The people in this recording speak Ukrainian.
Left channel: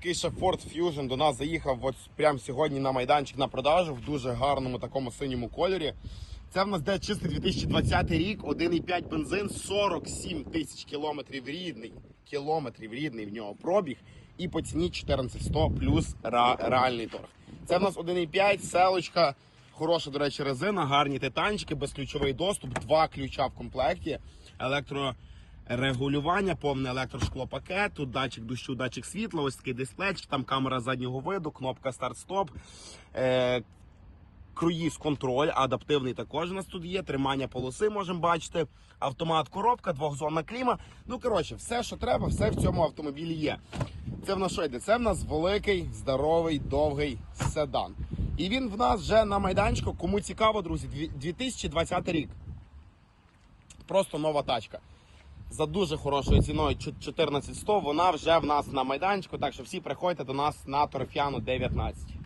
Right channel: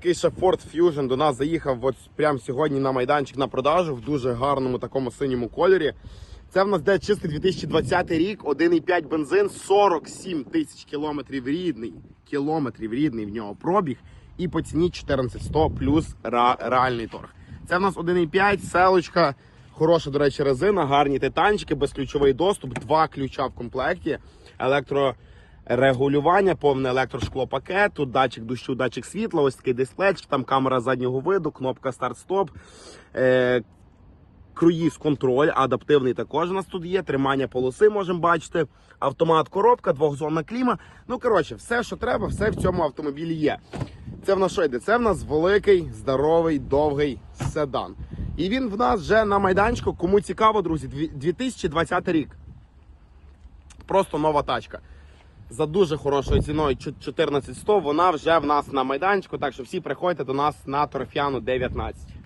Ще Ford Fusion до нас заїхав от прямо сьогодні на майданчик на продажу в дуже гарному такому синьому кольорі. Це в нас де чистий 2020 рік, 1,5 бензин, 47 тисяч кілометрів рідний. Кілометрів рідний в нього пробіг. І по ціні 14100 плюс реальний торг. Це в нас 1,5, селочка, хороша, до речі, резина, гарні титанчики, безключовий доступ, два ключа в комплекті, електро регулювання, повне електрошклопакет, тут датчик дощу, датчик світла, ось такий дисплейчик, там камера заднього виду, кнопка старт-стоп. Е, Круїз контроль, адаптивний також у нас тут є. Тримання полоси можемо бачити. Автомат, коробка, двохзонна кліма. Ну коротше, все, що треба, все в цьому автомобілі є. Це в нас що йде? Це в нас великий, здоровий, довгий седан. І він в нас вже на майданчику. Кому цікаво, друзі, 2020 рік. Просто нова тачка. За дуже хорошою ціною 14100 вона вже в нас на майданчику. Так що всі приходьте до нас на торфяну 19.